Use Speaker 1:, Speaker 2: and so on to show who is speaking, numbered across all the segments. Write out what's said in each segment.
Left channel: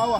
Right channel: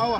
Speaker 1: Wawa.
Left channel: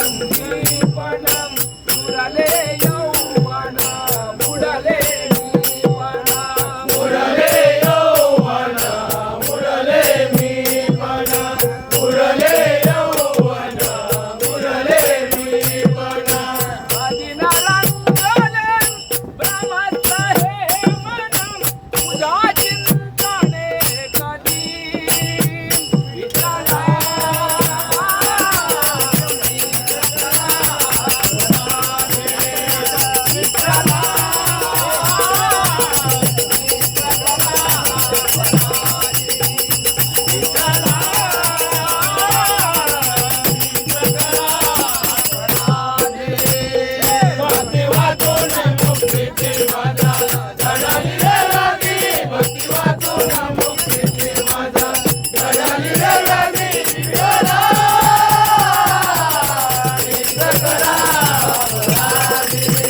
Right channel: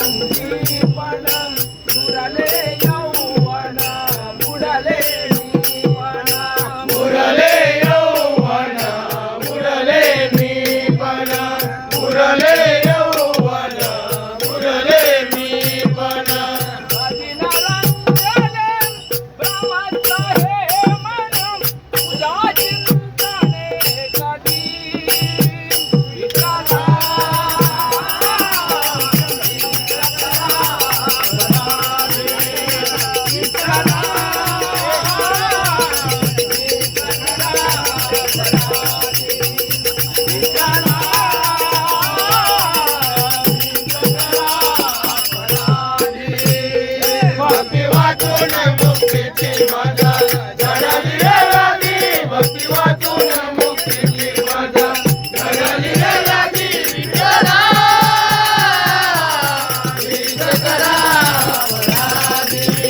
Speaker 1: Thank you. Hare